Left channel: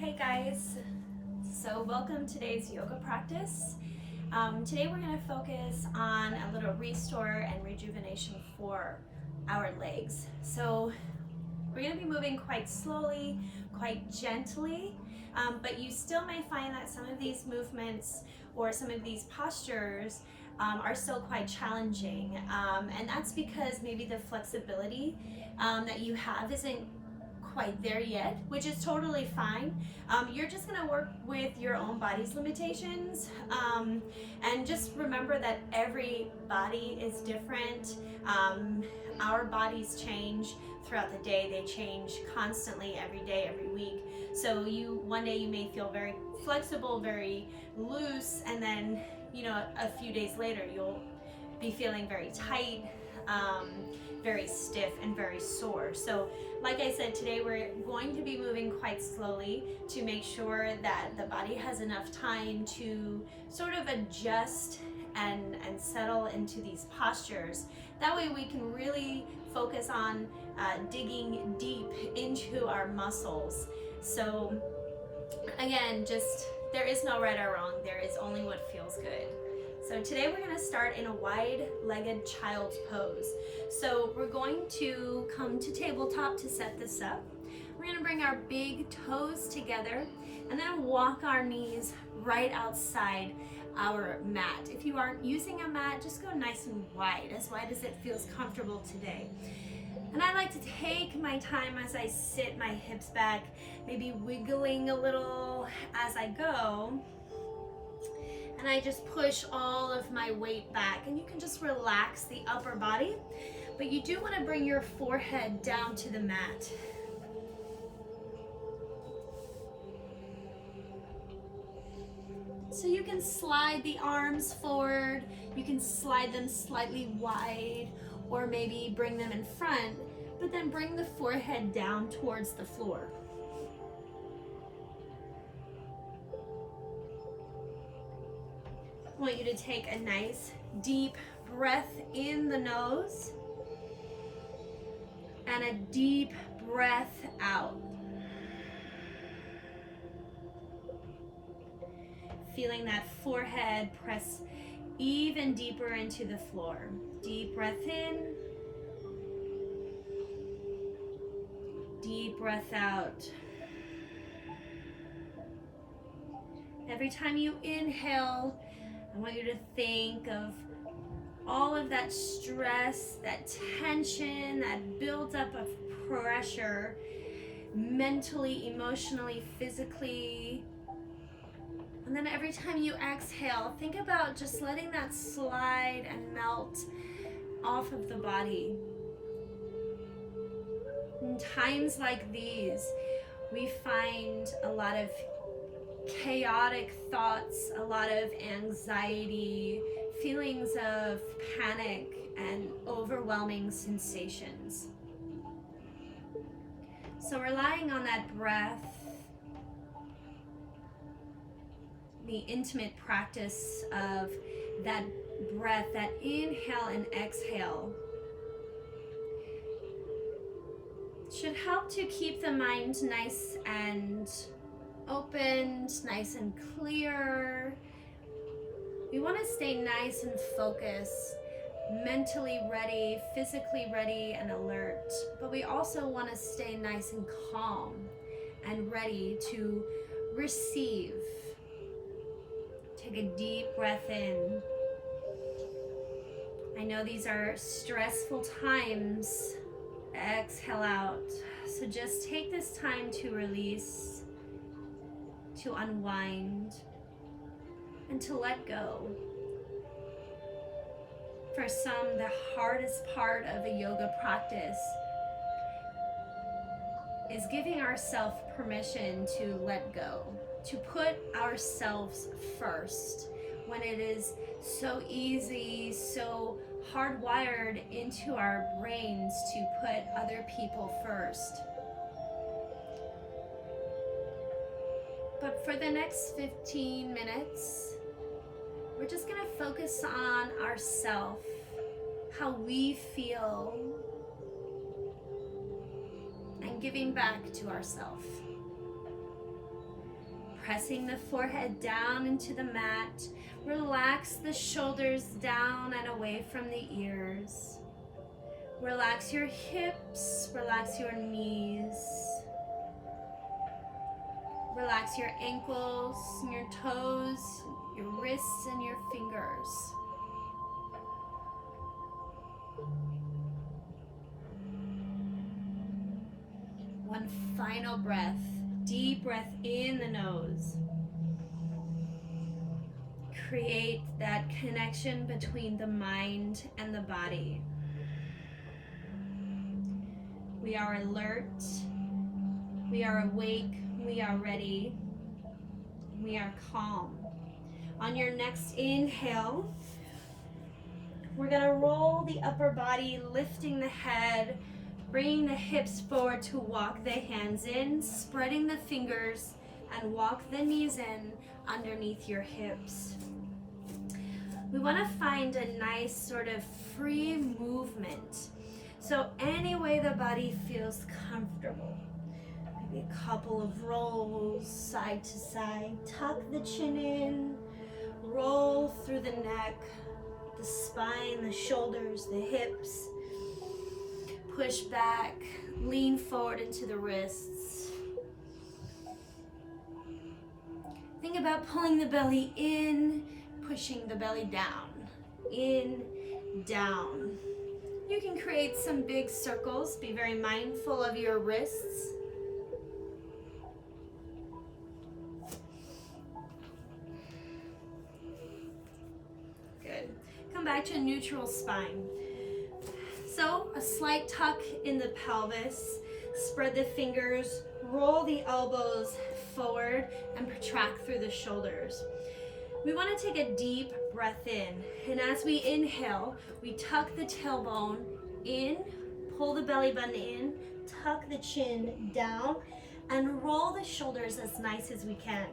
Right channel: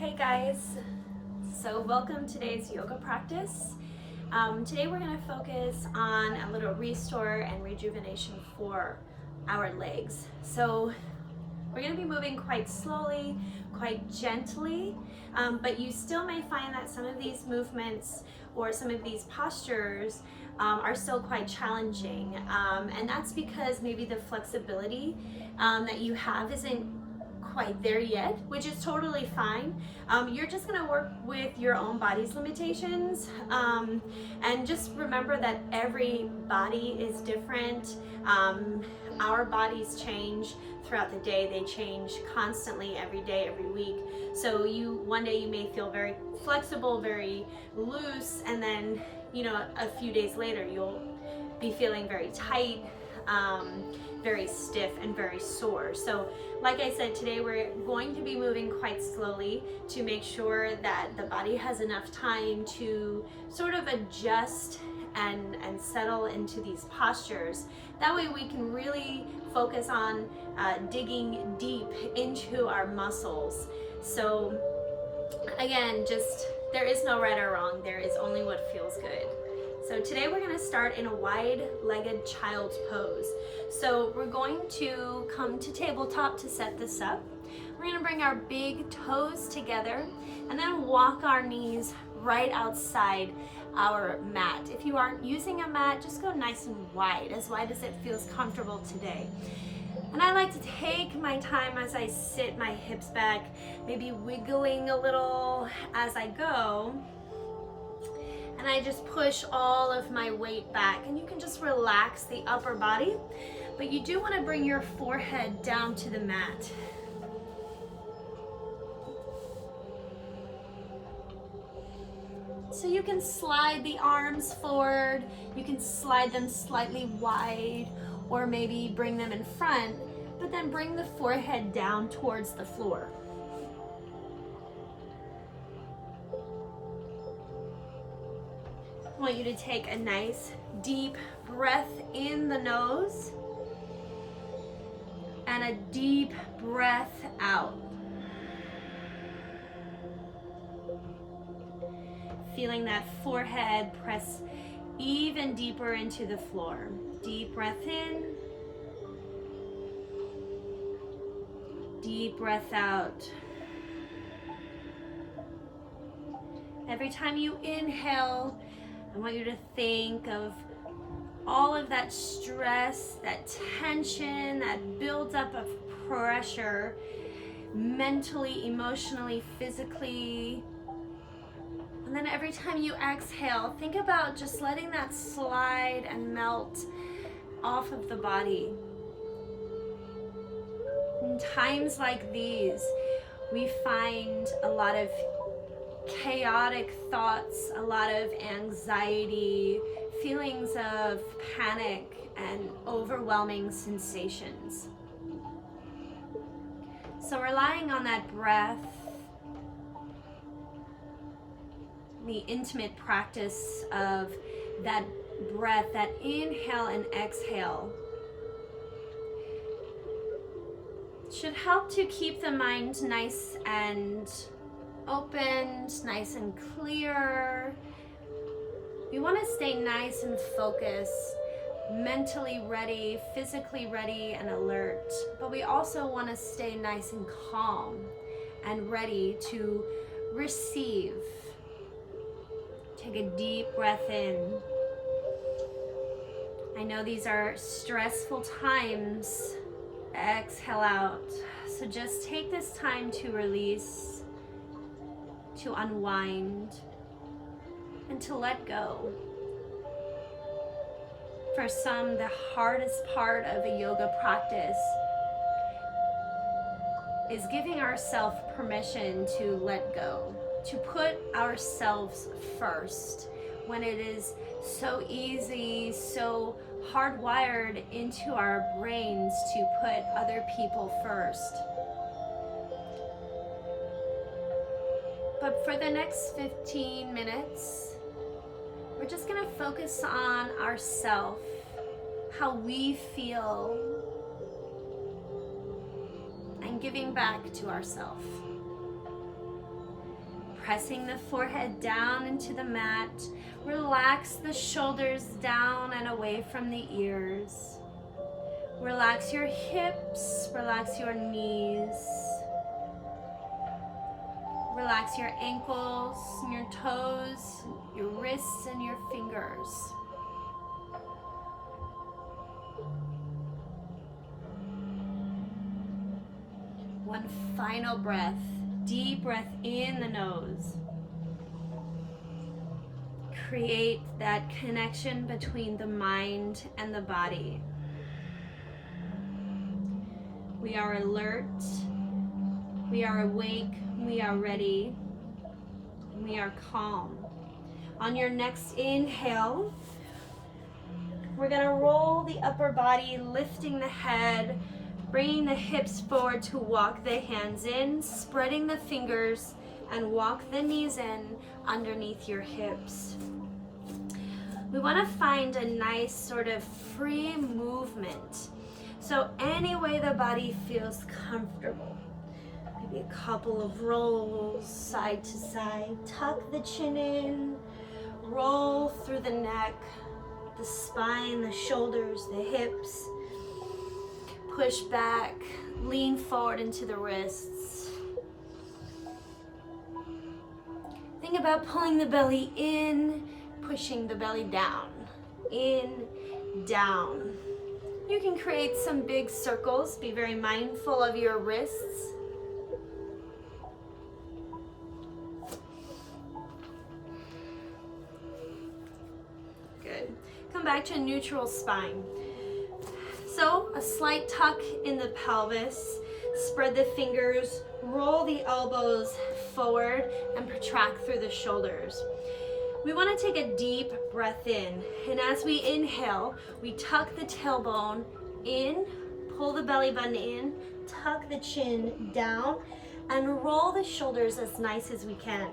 Hey guys, so welcome to today's yoga practice. Today we're going to focus on a little restore and rejuvenation for our legs. So we're going to be moving quite slowly, quite gently, but you still may find that some of these movements or some of these postures are still quite challenging. And that's because maybe the flexibility that you have isn't quite there yet, which is totally fine. You're just gonna work with your own body's limitations, and just remember that every body is different. Our bodies change throughout the day. They change constantly, every day, every week. So one day you may feel very flexible, very loose, and then a few days later you'll be feeling very tight, very stiff and very sore. So like I said, today we're going to be moving quite slowly to make sure that the body has enough time to sort of adjust and settle into these postures. That way we can really focus on digging deep into our muscles. So again, there is no right or wrong, there is only what feels good. So today we're going to start in a wide-legged child's pose. So we're going to come to tabletop to set this up. We're going to bring our big toes together and then walk our knees right outside our mat. If you aren't using a mat, just go nice and wide as it feels comfortable today. And I like to take my time as I sit my hips back, maybe wiggling a little as I go. And I just push all of my weight back, and you can just relax the upper body, but you do want to bring your forehead down to the mat. So you can slide the arms forward, you can slide them slightly wide, or maybe bring them in front, but then bring the forehead down towards the floor. I want you to take a nice deep breath in the nose and a deep breath out. Feeling that forehead press even deeper into the floor. Deep breath in, deep breath out. Every time you inhale, I want you to think of all of that stress, that tension, that buildup of pressure, mentally, emotionally, physically. And then every time you exhale, think about just letting that slide and melt off of the body. In times like these, we find a lot of chaotic thoughts, a lot of anxiety, feelings of panic, and overwhelming sensations. So relying on that breath, the intimate practice of that breath, that inhale and exhale, should help to keep the mind nice and opened, nice and clear. We want to stay nice and focused, mentally ready, physically ready and alert, but we also want to stay nice and calm and ready to receive. Take a deep breath in. I know these are stressful times. Exhale out. So just take this time to release, to unwind, and to let go. For some, the hardest part of a yoga practice is giving ourselves permission to let go, to put ourselves first, when it is so easy, so hardwired into our brains to put other people first. But for the next 15 minutes, we're just gonna focus on ourselves, how we feel, and giving back to ourselves. Pressing the forehead down into the mat. Relax the shoulders down and away from the ears. Relax your hips, relax your knees. Relax your ankles, and your toes, your wrists, and your fingers. One final breath. Deep breath in the nose. Create that connection between the mind and the body. We are alert, we are awake, we are ready, we are calm. On your next inhale, we're gonna roll the upper body, lifting the head, bringing the hips forward to walk the hands in, spreading the fingers, and walk the knees in underneath your hips. We wanna find a nice sort of free movement. So any way the body feels comfortable. Maybe a couple of rolls side to side. Tuck the chin in, roll through the neck, the spine, the shoulders, the hips. Push back, lean forward into the wrists. Think about pulling the belly in, pushing the belly down. In, down. You can create some big circles. Be very mindful of your wrists. Good. Come back to a neutral spine. So a slight tuck in the pelvis. Spread the fingers. Roll the elbows forward and protract through the shoulders. We want to take a deep breath in, and as we inhale, we tuck the tailbone in, pull the belly button in, tuck the chin down, and roll the shoulders as nice as we can.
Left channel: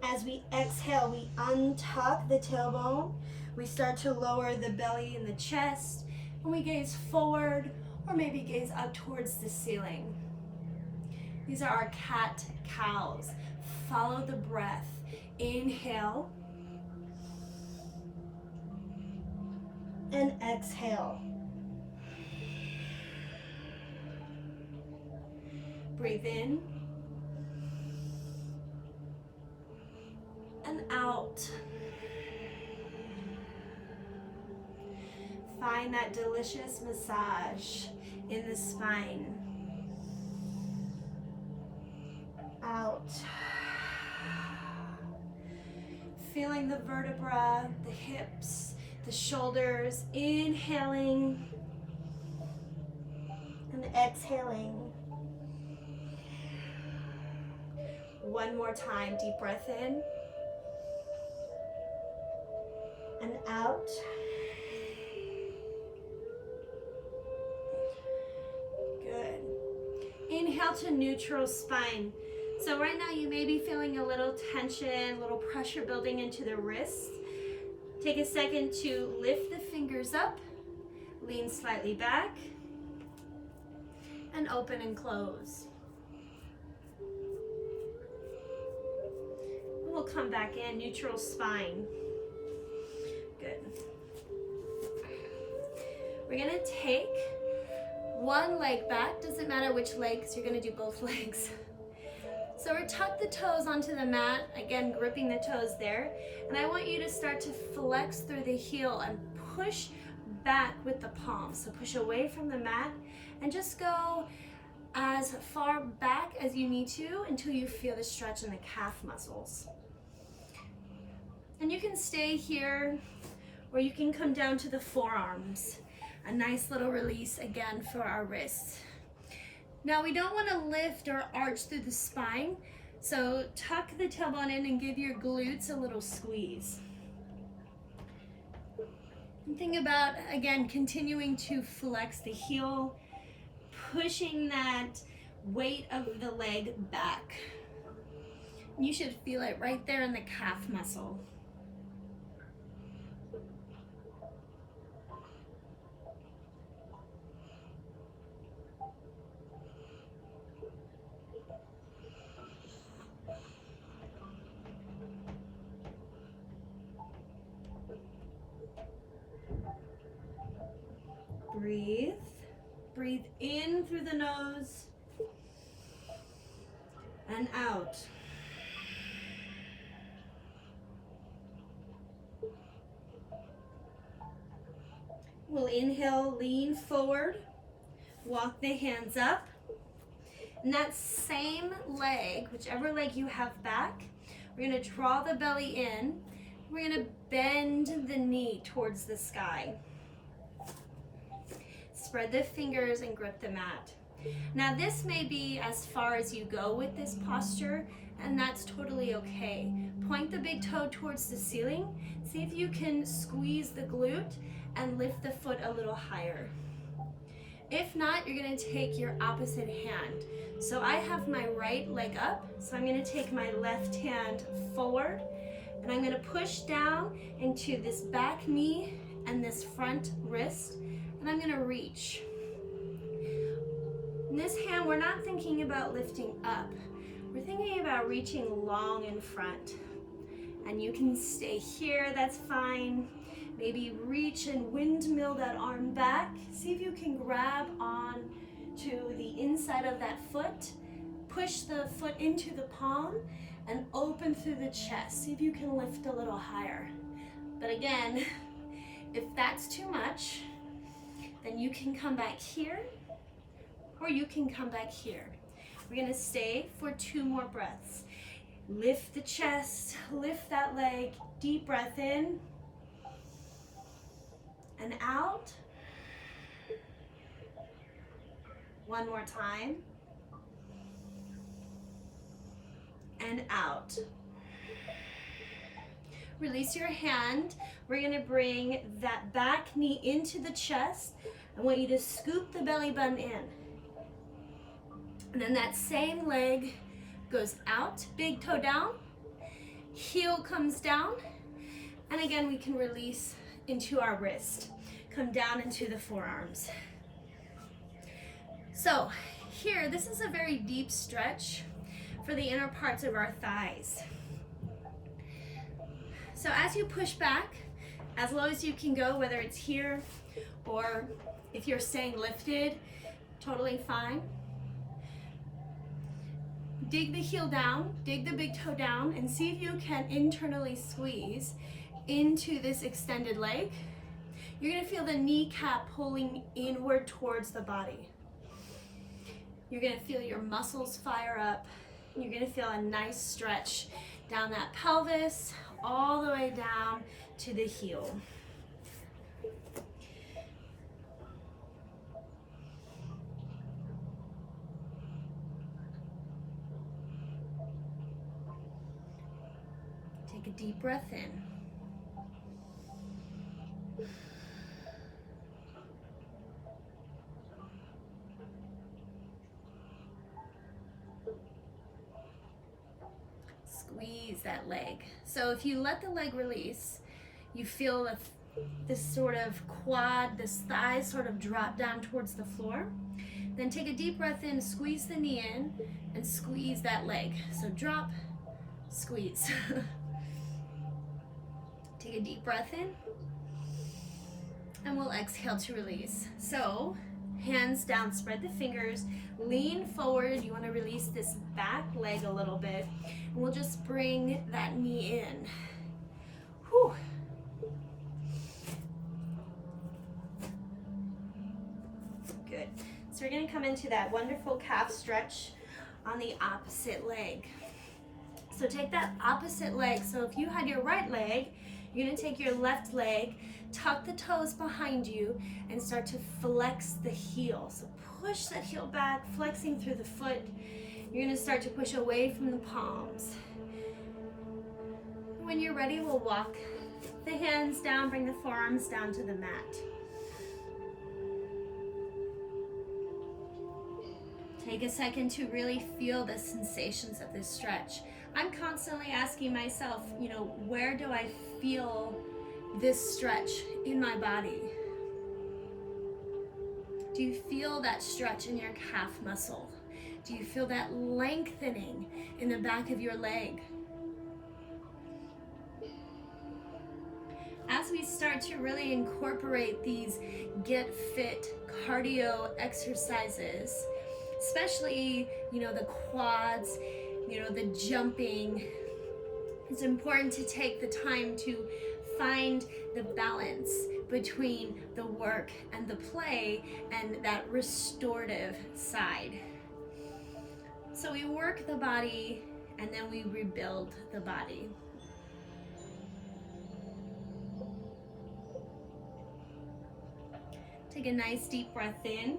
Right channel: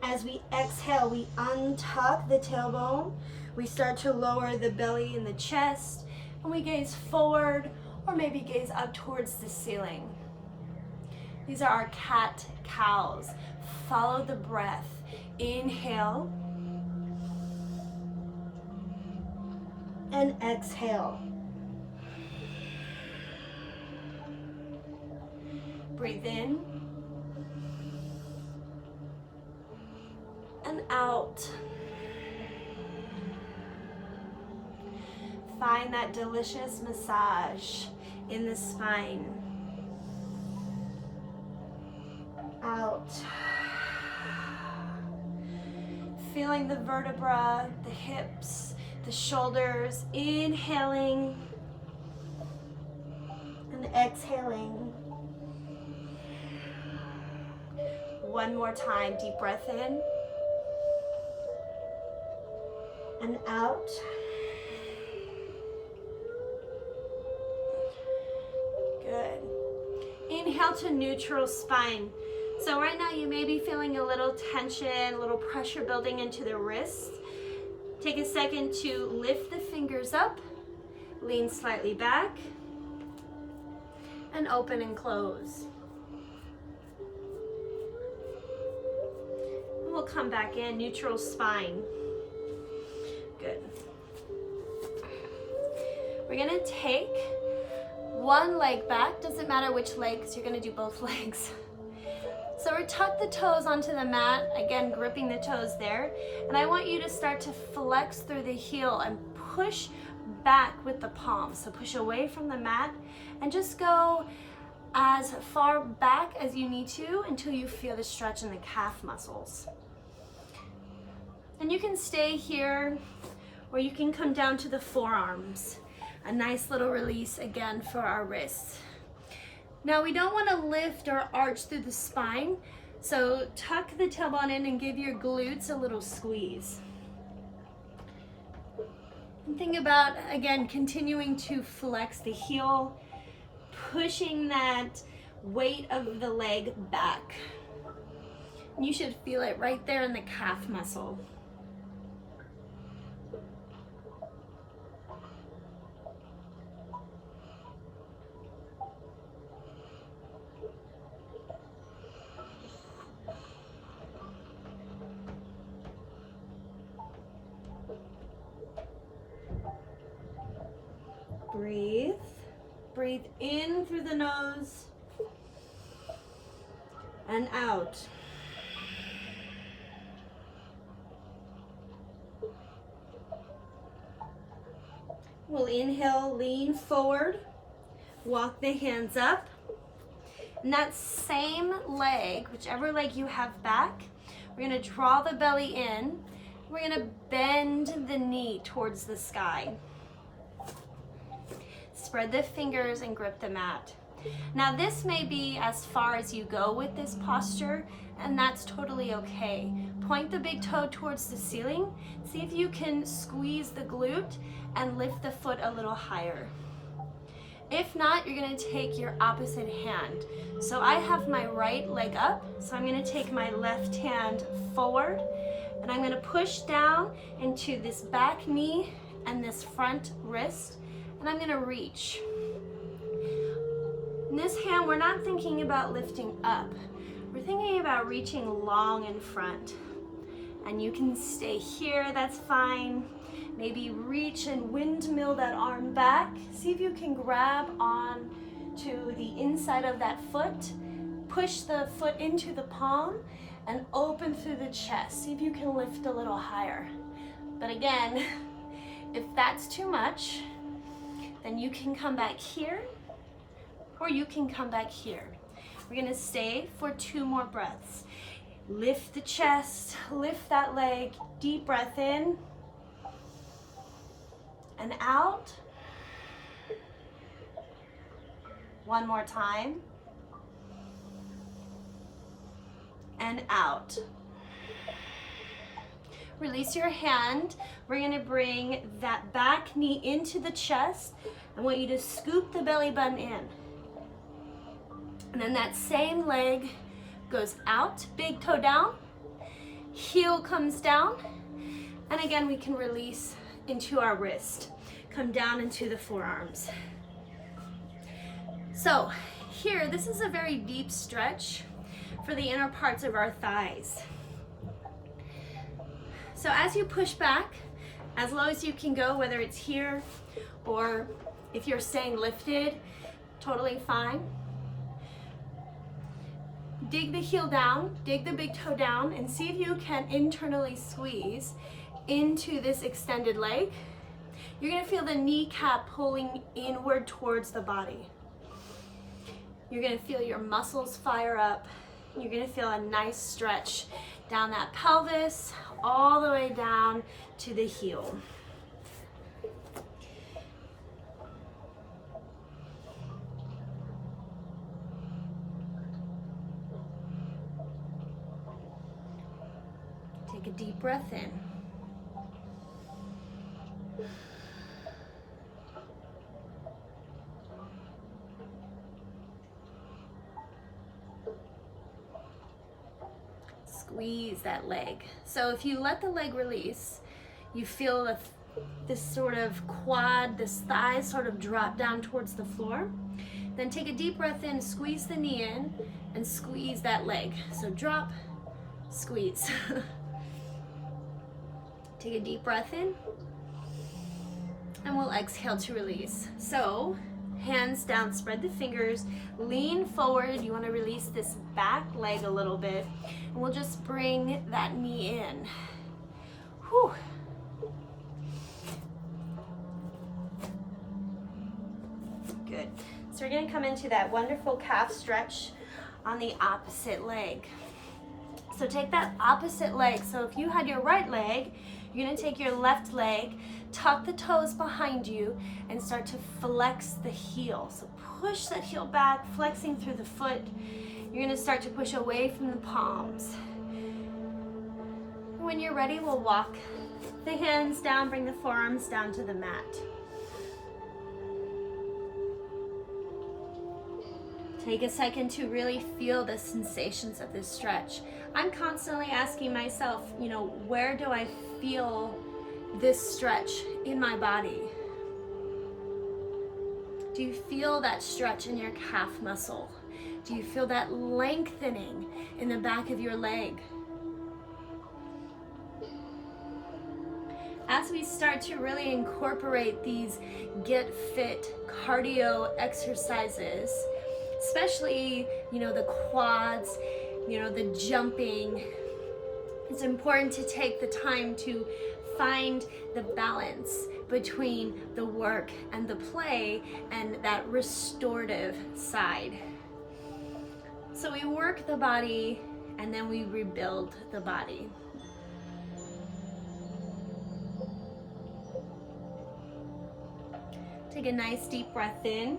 As we exhale, we untuck the tailbone, we start to lower the belly and the chest, and we gaze forward or maybe gaze up towards the ceiling. These are our cat-cows. Follow the breath. Inhale and exhale. Breathe in and out. Find that delicious massage in the spine. Out. Feeling the vertebra, the hips, the shoulders, inhaling and exhaling. One more time, deep breath in and out. Good. Inhale to neutral spine. So right now you may be feeling a little tension, a little pressure building into the wrists. Take a second to lift the fingers up, lean slightly back, and open and close. We'll come back in, neutral spine. Good. We're gonna take one leg back, doesn't matter which leg, because you're gonna do both legs. So we're tuck the toes onto the mat, again gripping the toes there, and I want you to start to flex through the heel and push back with the palms. So push away from the mat and just go as far back as you need to until you feel the stretch in the calf muscles. And you can stay here or you can come down to the forearms. A nice little release again for our wrists. Now we don't want to lift or arch through the spine, so tuck the tailbone in and give your glutes a little squeeze. And think about, again, continuing to flex the heel, pushing that weight of the leg back. You should feel it right there in the calf muscle. Breathe. Breathe in through the nose and out. We'll inhale, lean forward, walk the hands up. And that same leg, whichever leg you have back, we're gonna draw the belly in. We're gonna bend the knee towards the sky. Spread the fingers and grip the mat. Now this may be as far as you go with this posture, and that's totally okay. Point the big toe towards the ceiling. See if you can squeeze the glute and lift the foot a little higher. If not, you're gonna take your opposite hand. So I have my right leg up, so I'm gonna take my left hand forward, and I'm gonna push down into this back knee and this front wrist, and I'm gonna reach. In this hand, we're not thinking about lifting up. We're thinking about reaching long in front. And you can stay here, that's fine. Maybe reach and windmill that arm back. See if you can grab on to the inside of that foot. Push the foot into the palm and open through the chest. See if you can lift a little higher. But again, if that's too much, then you can come back here, or you can come back here. We're gonna stay for 2 more breaths. Lift the chest, lift that leg, deep breath in and out. One more time. And out. Release your hand. We're gonna bring that back knee into the chest. I want you to scoop the belly button in. And then that same leg goes out, big toe down, heel comes down, and again we can release into our wrist, come down into the forearms. So here, this is a very deep stretch for the inner parts of our thighs. So as you push back, as low as you can go, whether it's here or if you're staying lifted, totally fine. Dig the heel down, dig the big toe down, and see if you can internally squeeze into this extended leg. You're gonna feel the kneecap pulling inward towards the body. You're gonna feel your muscles fire up. You're gonna feel a nice stretch down that pelvis, all the way down to the heel. Take a deep breath in. Squeeze that leg. So if you let the leg release, you feel this sort of quad, this thigh sort of drop down towards the floor. Then take a deep breath in, squeeze the knee in, and squeeze that leg. So drop, squeeze. Take a deep breath in, and we'll exhale to release. So, hands down, spread the fingers, lean forward. You want to release this back leg a little bit, and we'll just bring that knee in. Whew. Good. So we're going to come into that wonderful calf stretch on the opposite leg. So take that opposite leg. So if you had your right leg, you're gonna take your left leg, tuck the toes behind you, and start to flex the heel. So push that heel back, flexing through the foot. You're gonna start to push away from the palms. When you're ready, we'll walk the hands down, bring the forearms down to the mat. Take a second to really feel the sensations of this stretch. I'm constantly asking myself, where do I feel this stretch in my body? Do you feel that stretch in your calf muscle? Do you feel that lengthening in the back of your leg? As we start to really incorporate these get fit cardio exercises, especially, the quads, the jumping. It's important to take the time to find the balance between the work and the play and that restorative side. So we work the body and then we rebuild the body. Take a nice deep breath in.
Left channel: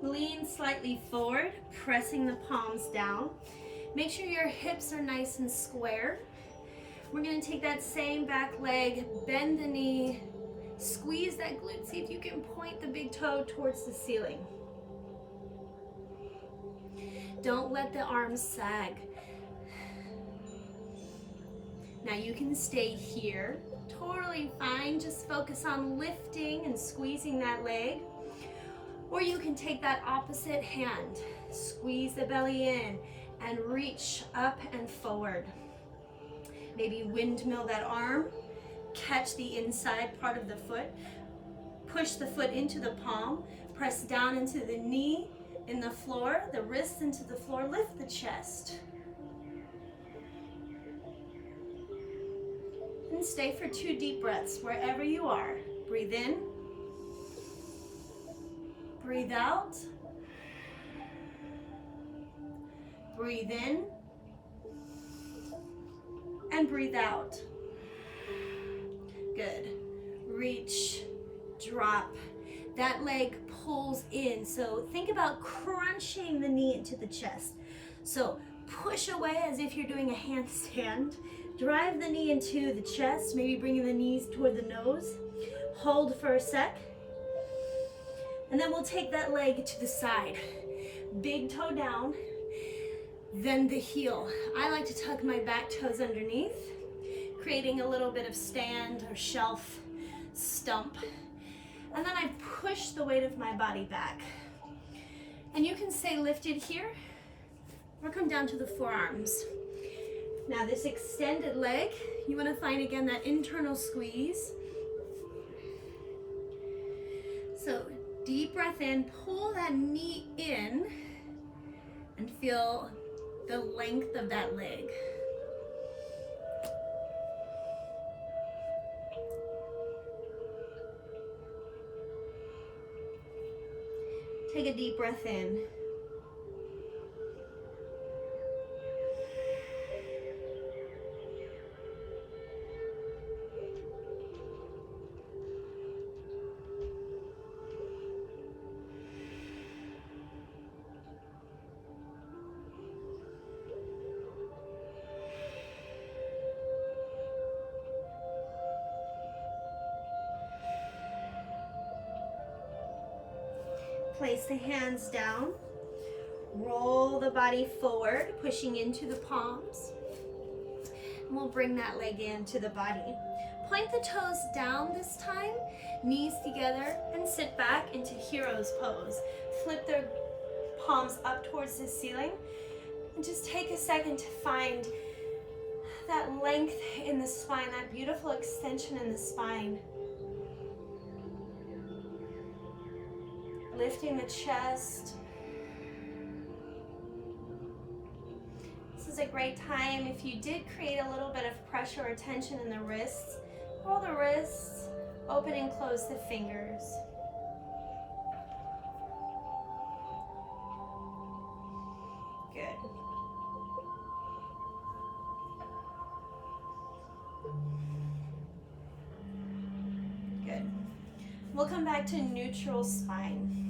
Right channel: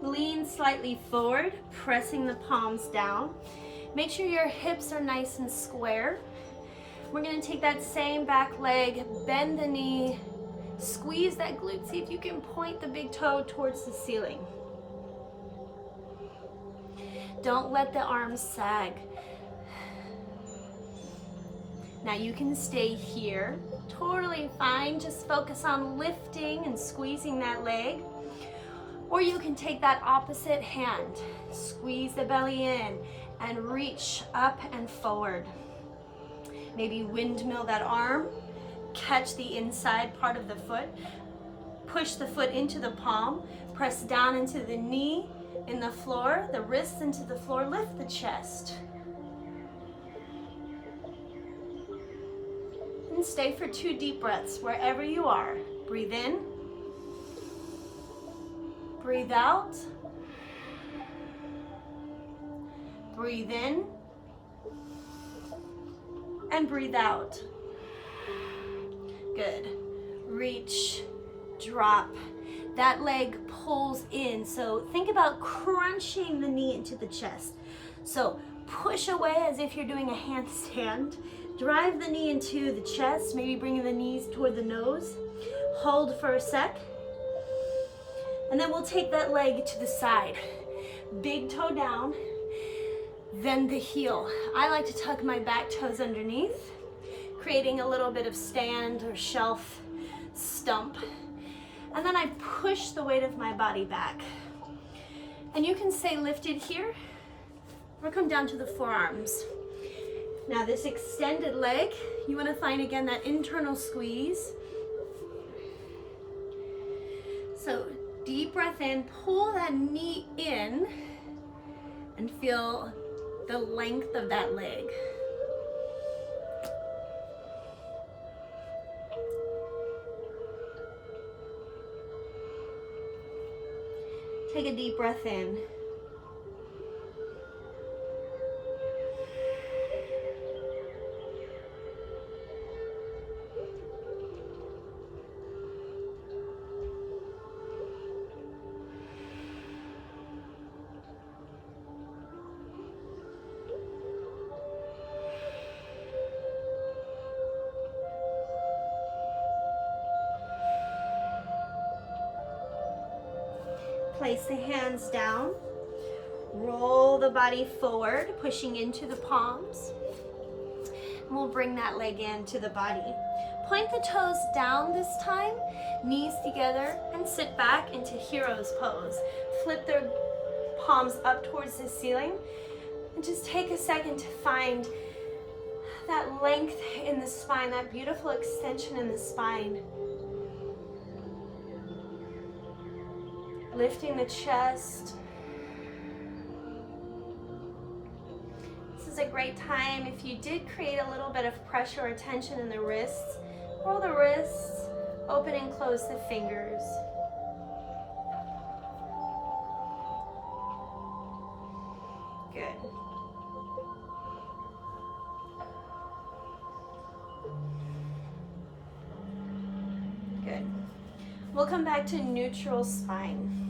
Lean slightly forward, pressing the palms down. Make sure your hips are nice and square. We're gonna take that same back leg, bend the knee, squeeze that glute. See if you can point the big toe towards the ceiling. Don't let the arms sag. Now you can stay here, totally fine. Just focus on lifting and squeezing that leg. Or you can take that opposite hand, squeeze the belly in and reach up and forward. Maybe windmill that arm, catch the inside part of the foot, push the foot into the palm, press down into the knee, in the floor, the wrists into the floor, lift the chest. And stay for 2 deep breaths wherever you are. Breathe in, breathe out, breathe in, and breathe out. Good. Reach, drop. That leg pulls in. So think about crunching the knee into the chest. So push away as if you're doing a handstand. Drive the knee into the chest, maybe bringing the knees toward the nose. Hold for a sec. And then we'll take that leg to the side. Big toe down, then the heel. I like to tuck my back toes underneath, creating a little bit of stand or shelf stump. And then I push the weight of my body back. And you can stay lifted here or come down to the forearms. Now this extended leg, you want to find again that internal squeeze. So deep breath in, pull that knee in and feel the length of that leg. Take a deep breath in. Place the hands down, roll the body forward, pushing into the palms. And we'll bring that leg into the body. Point the toes down this time, knees together, and sit back into hero's pose. Flip their palms up towards the ceiling, and just take a second to find that length in the spine, that beautiful extension in the spine. Lifting the chest. This is a great time if you did create a little bit of pressure or tension in the wrists. Roll the wrists, open and close the fingers. Good. Good. We'll come back to neutral spine.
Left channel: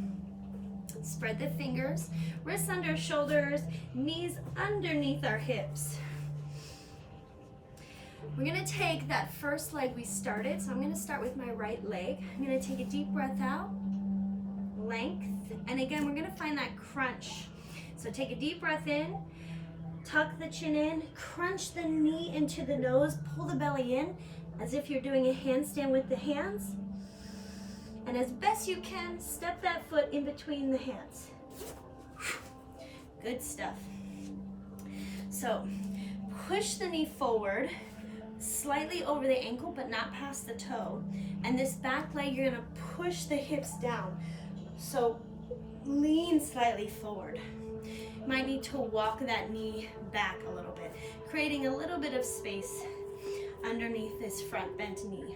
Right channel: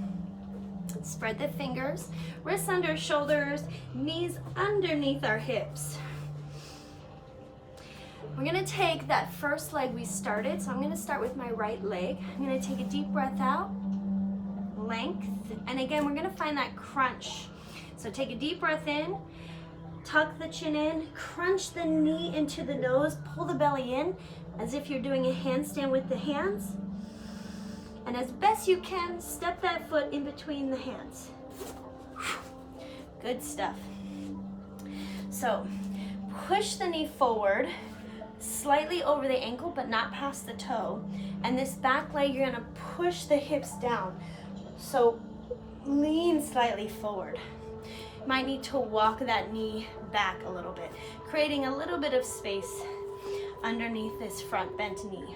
Spread the fingers, wrists under shoulders, knees underneath our hips. We're gonna take that first leg we started, so I'm gonna start with my right leg. I'm gonna take a deep breath out, length, and again, we're gonna find that crunch. So take a deep breath in, tuck the chin in, crunch the knee into the nose, pull the belly in, as if you're doing a handstand with the hands. And as best you can, step that foot in between the hands. Good stuff. So push the knee forward, slightly over the ankle, but not past the toe. And this back leg, you're gonna push the hips down. So lean slightly forward. Might need to walk that knee back a little bit, creating a little bit of space underneath this front bent knee.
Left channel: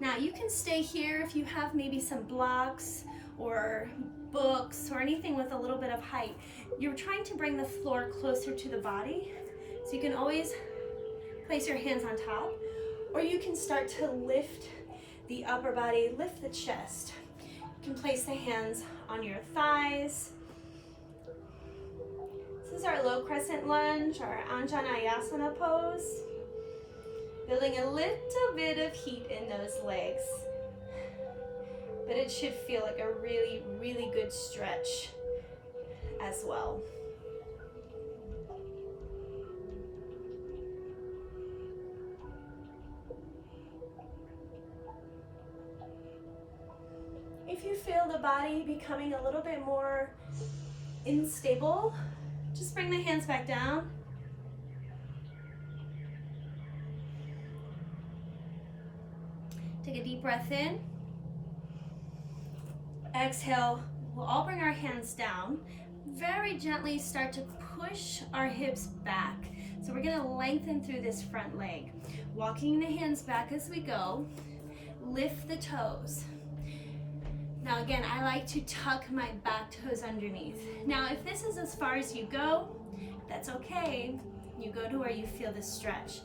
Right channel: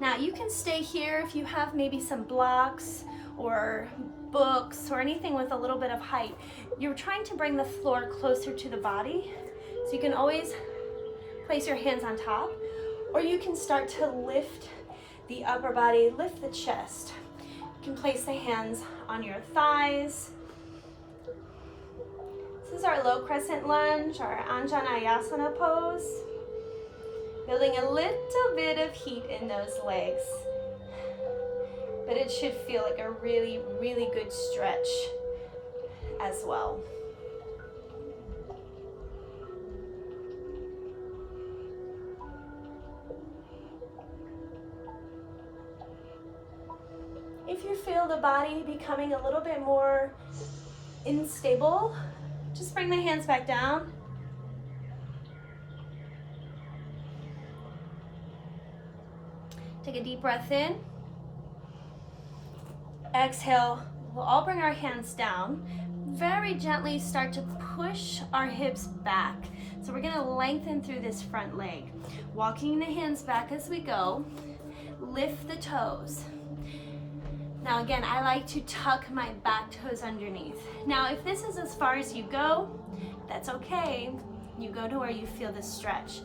Now you can stay here if you have maybe some blocks or books or anything with a little bit of height. You're trying to bring the floor closer to the body, so you can always place your hands on top, or you can start to lift the upper body, lift the chest. You can place the hands on your thighs. This is our low crescent lunge, our Anjaneyasana pose. Building a little bit of heat in those legs, but it should feel like a really, really good stretch as well. If you feel the body becoming a little bit more unstable, just bring the hands back down. Take a deep breath in. Exhale. We'll all bring our hands down. Very gently start to push our hips back. So we're gonna lengthen through this front leg. Walking the hands back as we go. Lift the toes. Now again, I like to tuck my back toes underneath. Now if this is as far as you go, that's okay. You go to where you feel the stretch.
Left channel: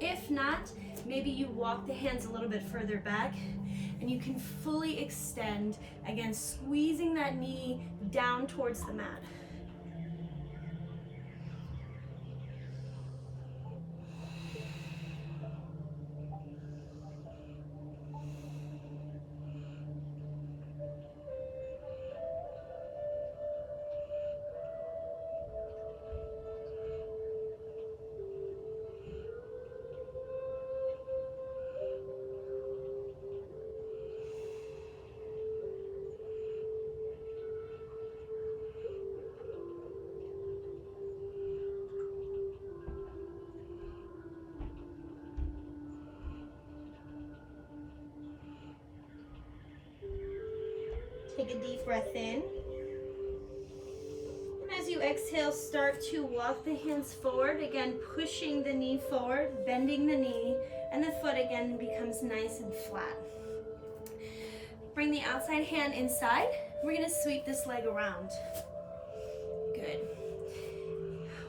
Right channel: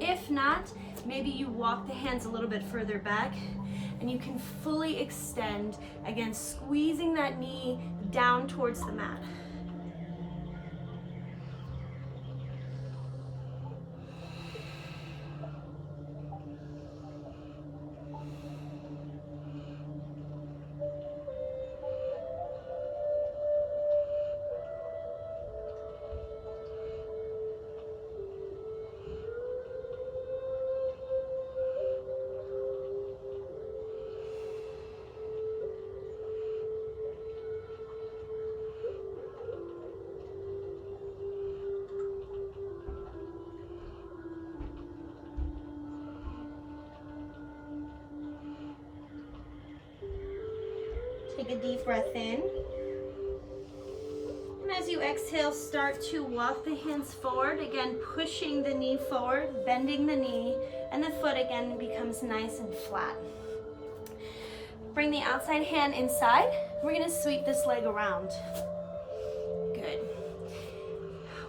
If not, maybe you walk the hands a little bit further back and you can fully extend, again, squeezing that knee down towards the mat. Take a deep breath in. And as you exhale, start to walk the hands forward, again pushing the knee forward, bending the knee, and the foot again becomes nice and flat. Bring the outside hand inside. We're gonna sweep this leg around. Good.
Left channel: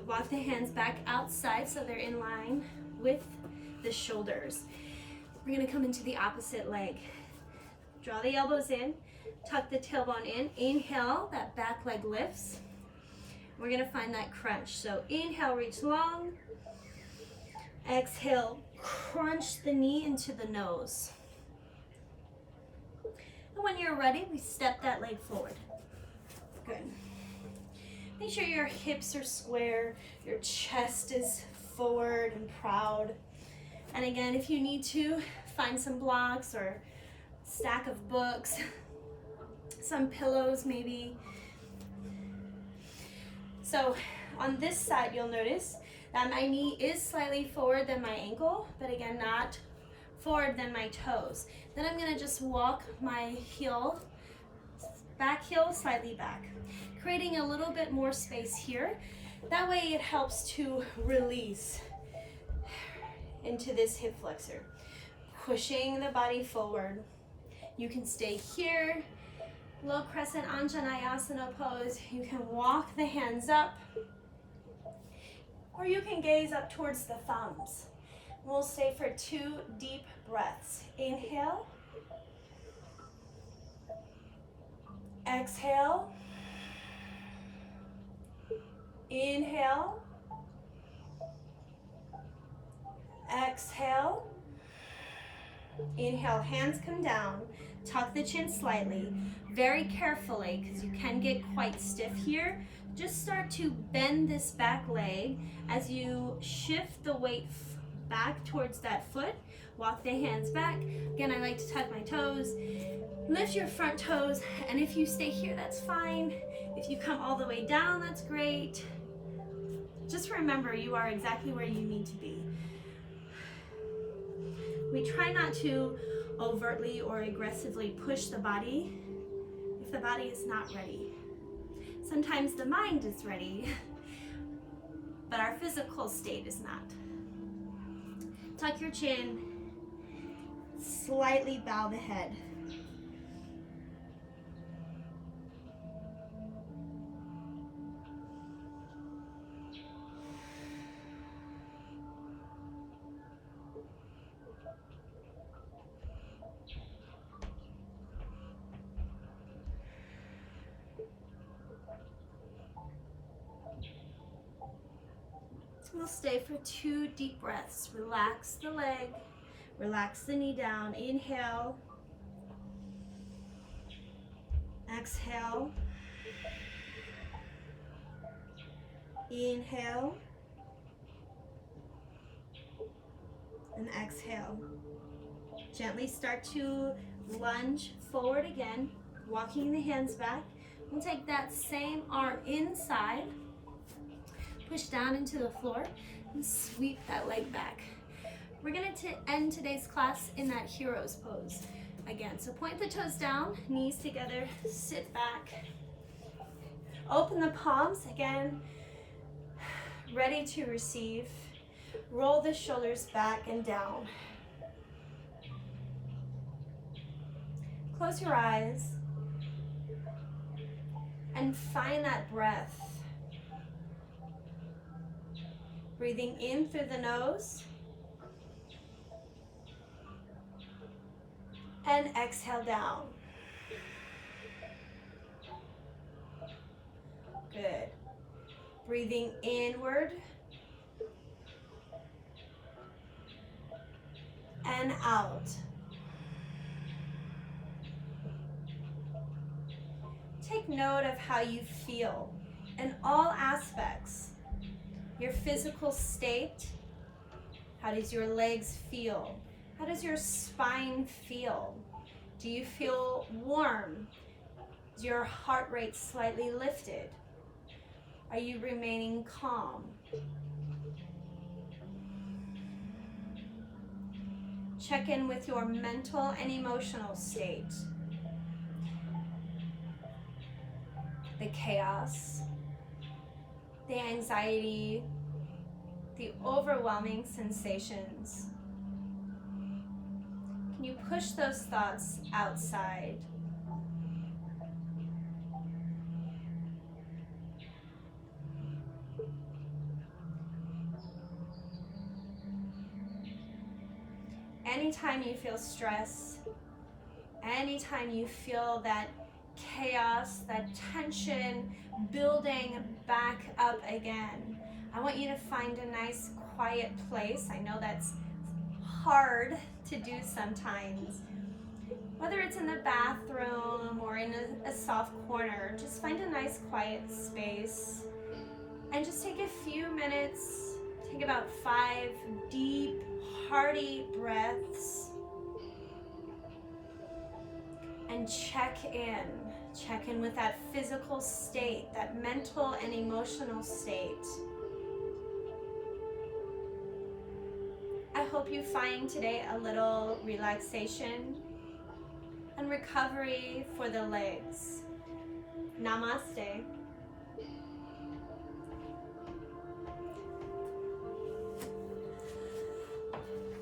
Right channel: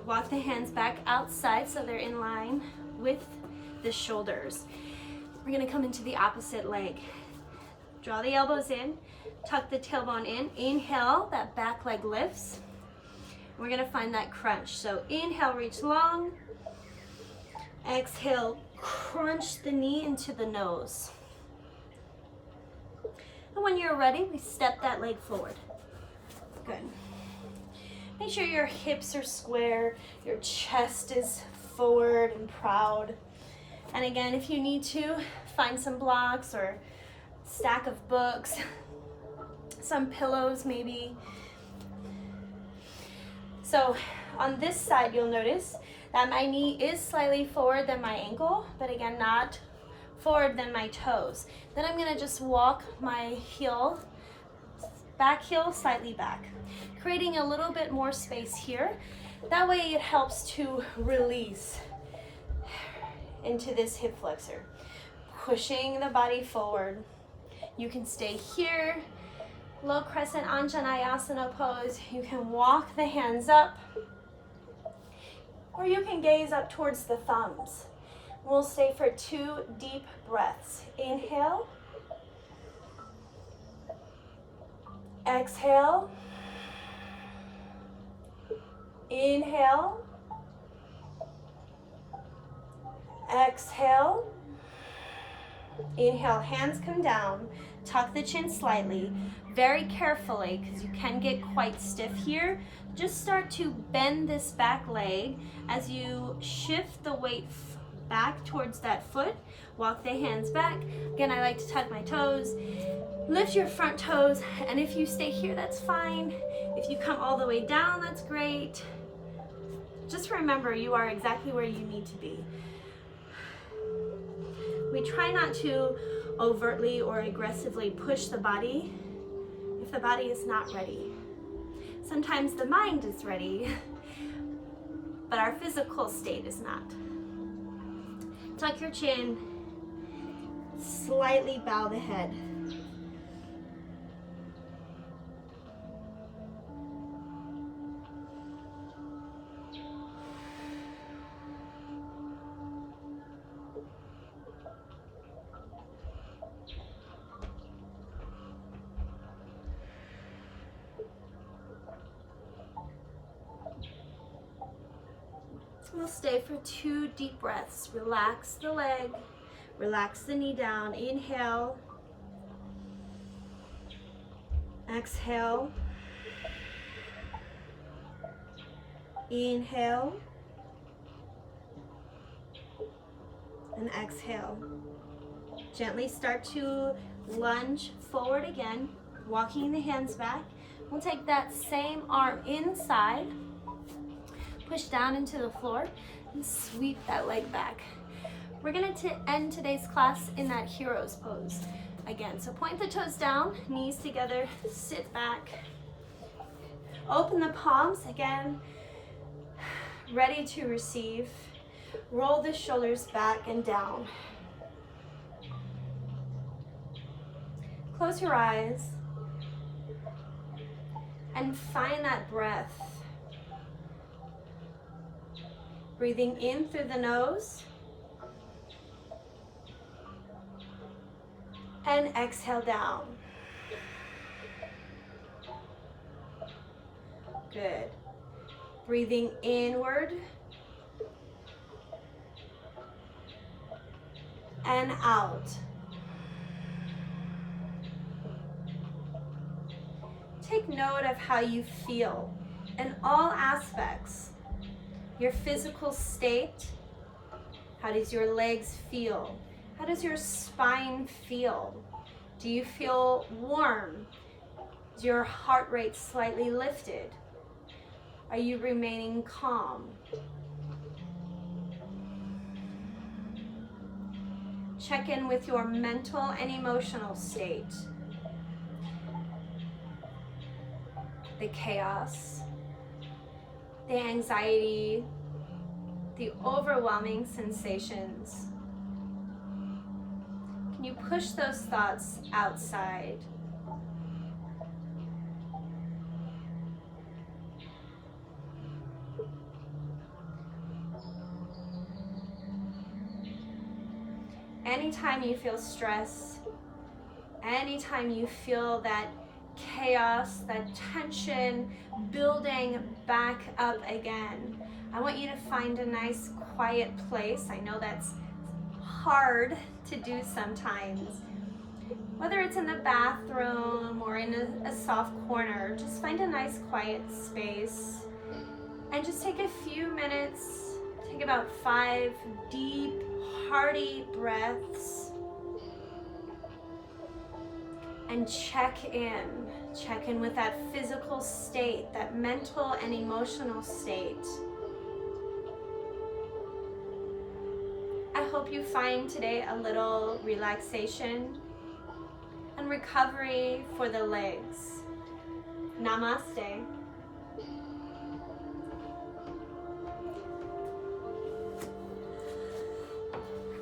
Walk the hands back outside so they're in line with the shoulders. We're gonna come into the opposite leg. Draw the elbows in, tuck the tailbone in. Inhale, that back leg lifts. We're gonna find that crunch. So inhale, reach long. Exhale, crunch the knee into the nose. And when you're ready, we step that leg forward. Good. Make sure your hips are square, your chest is forward and proud. And again, if you need to, find some blocks or stack of books, some pillows maybe. So on this side, you'll notice that my knee is slightly forward than my ankle, but again, not forward than my toes. Then I'm gonna just walk my heel, back heel slightly back, creating a little bit more space here. That way it helps to release into this hip flexor, pushing the body forward. You can stay here, low crescent Anjaneyasana pose. You can walk the hands up, or you can gaze up towards the thumbs. We'll stay for 2 deep breaths. Inhale, exhale, inhale, exhale, inhale, hands come down, tuck the chin slightly, very carefully, because you can get quite stiff here. Just start to bend this back leg as you shift the weight back towards that foot. Walk the hands back. Again, I like to tuck my toes. Lift your front toes, and if you stay here, that's fine. If you come all the way down, that's great. Just remember, you are exactly where you need to be. We try not to overtly or aggressively push the body if the body is not ready. Sometimes the mind is ready, but our physical state is not. Tuck your chin, slightly bow the head. We'll stay for 2 deep breaths. Relax the leg, relax the knee down. Inhale, exhale, inhale, and exhale. Gently start to lunge forward again, walking the hands back. We'll take that same arm inside, push down into the floor, and sweep that leg back. We're going to end today's class in that hero's pose again. So point the toes down, knees together, sit back. Open the palms again, ready to receive. Roll the shoulders back and down. Close your eyes and find that breath. Breathing in through the nose and exhale down. Good. Breathing inward and out. Take note of how you feel in all aspects. Your physical state. How does your legs feel? How does your spine feel? Do you feel warm? Is your heart rate slightly lifted? Are you remaining calm? Check in with your mental and emotional state. The chaos, the anxiety, the overwhelming sensations. Can you push those thoughts outside? Anytime you feel stress, anytime you feel that chaos, that tension building back up again, I want you to find a nice quiet place. I know that's hard to do sometimes. Whether it's in the bathroom or in a soft corner, just find a nice quiet space and just take a few minutes. Take about 5 deep, hearty breaths and check in. Check in with that physical state, that mental and emotional state. I hope you find today a little relaxation and recovery for the legs. Namaste.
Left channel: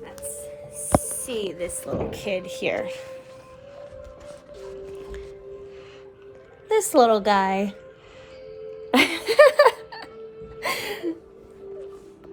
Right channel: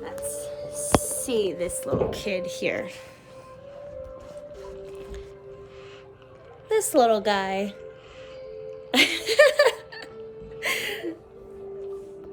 Let's see this little kid here. This little guy